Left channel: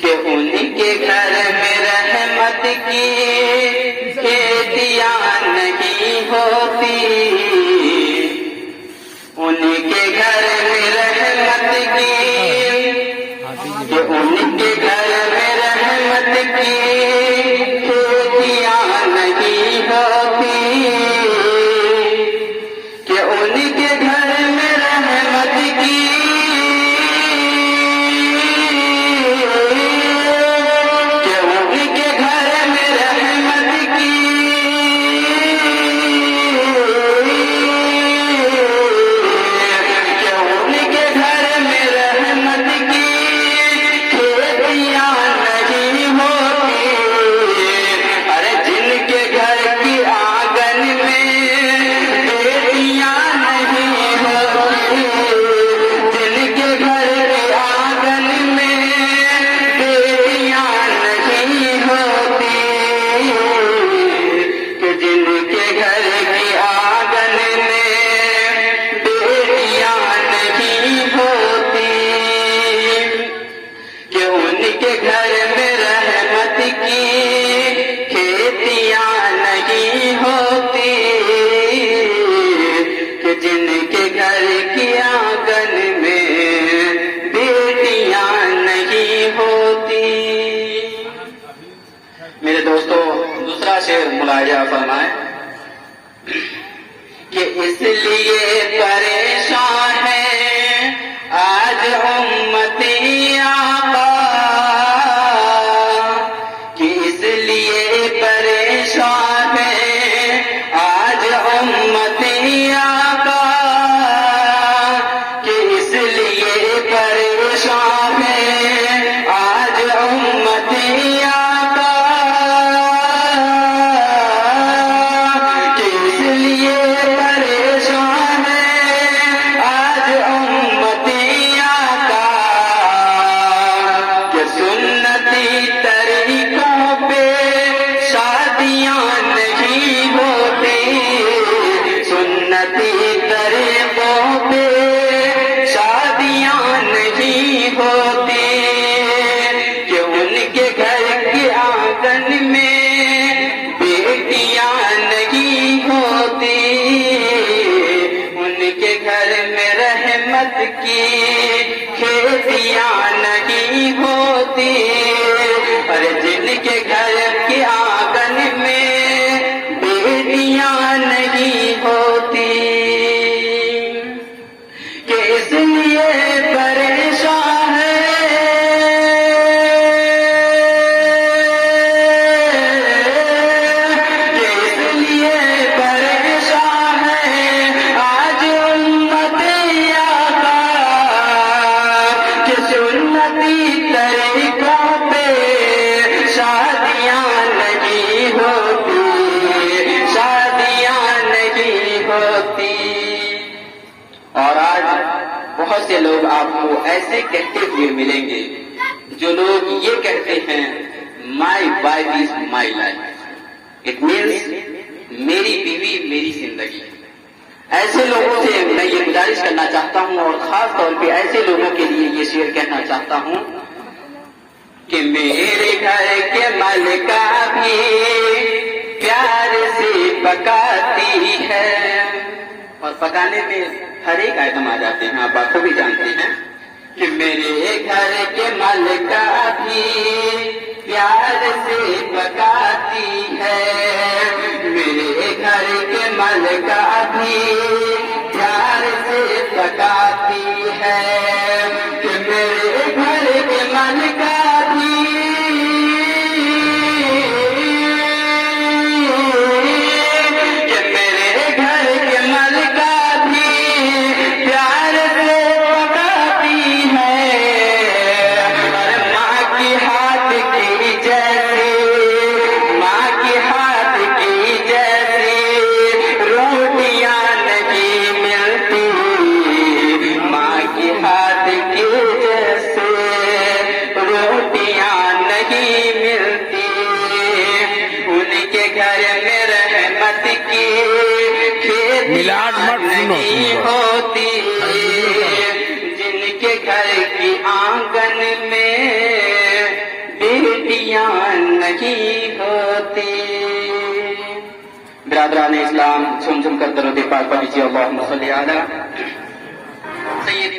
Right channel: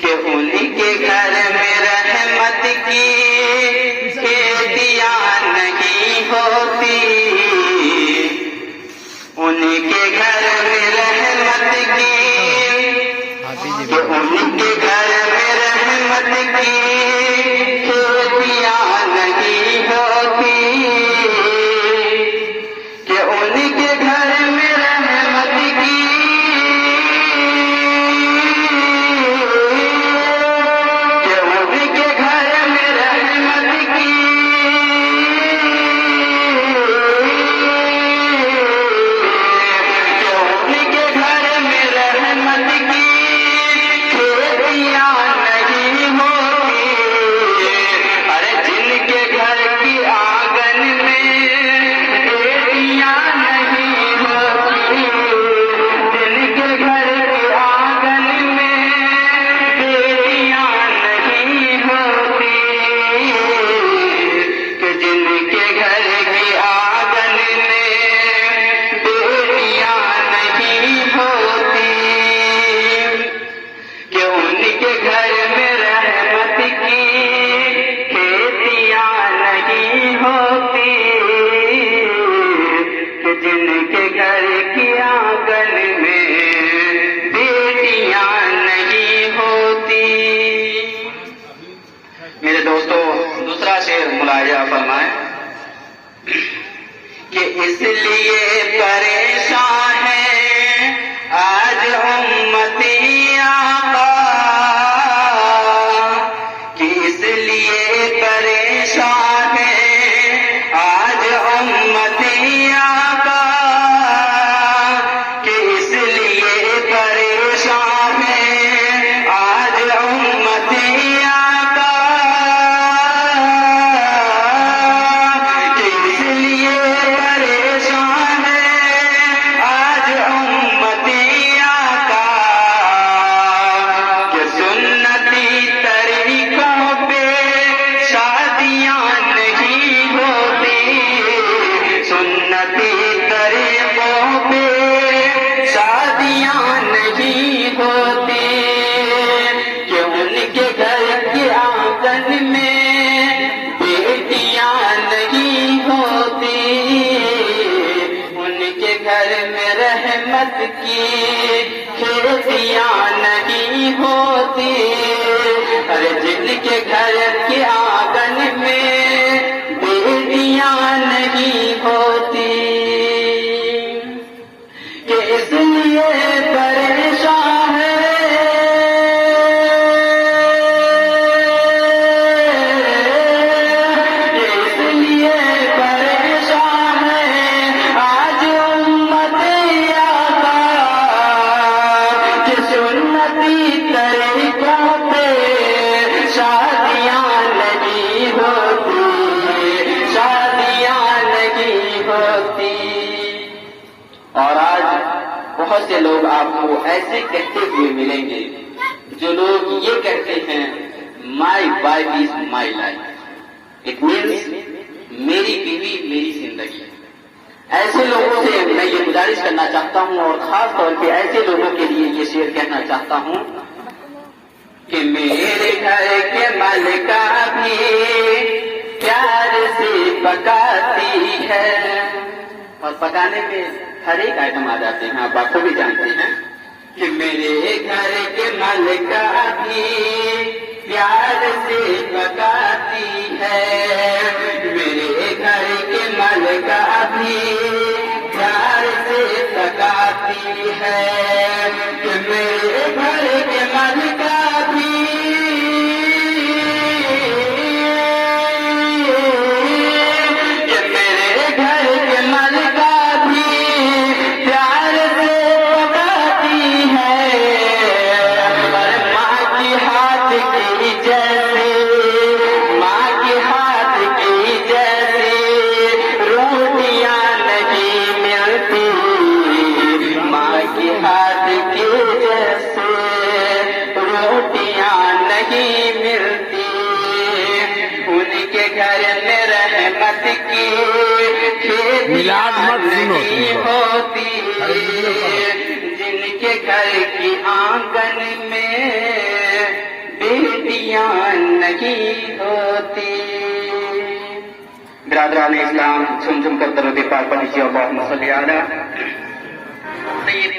کہ ان کے گھر میں رحمت کی کھیتیاں نہیں ہوتی، ان کے گھر میں رحمت کی، کہ ان کے گھر میں رحمت کی کھیتیاں نہیں ہوتی، کہ ان کے گھر میں رحمت کی، کہ ان کے گھر میں رحمت کی، کہ ان کے گھر میں رحمت کی کھیتیاں نہیں ہوتی، ارے جن کے گھر کی آنگن میں بیٹیاں نہیں ہوتی، جن کے گھر کی آنگن میں بیٹیاں نہیں ہوتی، کہ جن کے گھر کی آنگن میں بیٹیاں نہیں ہوتی، کہ ان کے گھر میں رحمت کی کھیتیاں نہیں ہوتی، کہ جن کے گھر کی آنگن میں بیٹیاں نہیں ہوتی۔ میرے دوستو، دوسرا شعر ملاحظہ فرمائیں کہ اس لیے پریشان ہے آج امتی آقا، کہ اس لیے پریشان ہے آج امتی آقا، کہ اس لیے پریشان ہے آج امتی آقا، کہ اس لیے پریشان ہے آج امتی آقا، کہ سنتی طریقوں پہ شادیاں نہیں ہوتی، سنتی طریقوں پہ شادیاں نہیں ہوتی، کہ ان کے گھر کے آنگن میں بیٹیاں نہیں ہوتی، ان کے گھر میں رحمت کی کھیتیاں نہیں ہوتی، پر جن کے گھر کے آنگن میں بیٹیاں نہیں ہوتی، کہ اس لیے پریشان ہے، کہ اس لیے پریشان ہے آج امت آقا، کہ سنتی طریقوں پہ شادیاں نہیں ہوتی، شادیاں نہیں ہوتی۔ اور آج بہت سے لوگ آپ کو ایسے کہتے ہوئے ملیں گے جو لوگ یہ کہتے ہیں my wife is my life, it means میری بیوی میری زندگی۔ ایسے لوگوں سے میں یہ گزارش کرنا چاہتا ہوں، اور خاص طور پہ ایسے لوگوں کے لیے یہ شعر کہنا چاہتا ہوں کہ میرے گھر کے مالکہ بھی پیار سے پکاتی ہے، اور پکانے کے ہر ایک آئٹم آ جاتے ہیں، آپ بات کو بھی جانتے ہیں، کہ میرے گھر کے مالکہ بھی پیار سے پکاتی ہے، میرے گھر کے مالکہ بھی پیار سے پکاتی ہے، کہ میرے گھر کے مالکہ بھی، کہ میرے گھر کے مالکہ بھی پیار سے پکاتی ہے، اور ماں کی ہاتھ کی جیسی، ماں کی ہاتھ کی جیسی روٹیاں نہیں ملتی، ماں کی ہاتھ کی جیسے روٹیاں نہیں ملتی، ان کے گھر میں رحمت کی کھیتیاں نہیں ہوتی، جن کے گھر کی آنگن میں نیکیاں نہیں ہوتی. برادران اسلام سن کر درود پاک پڑھیجیے. اللہم صلی علی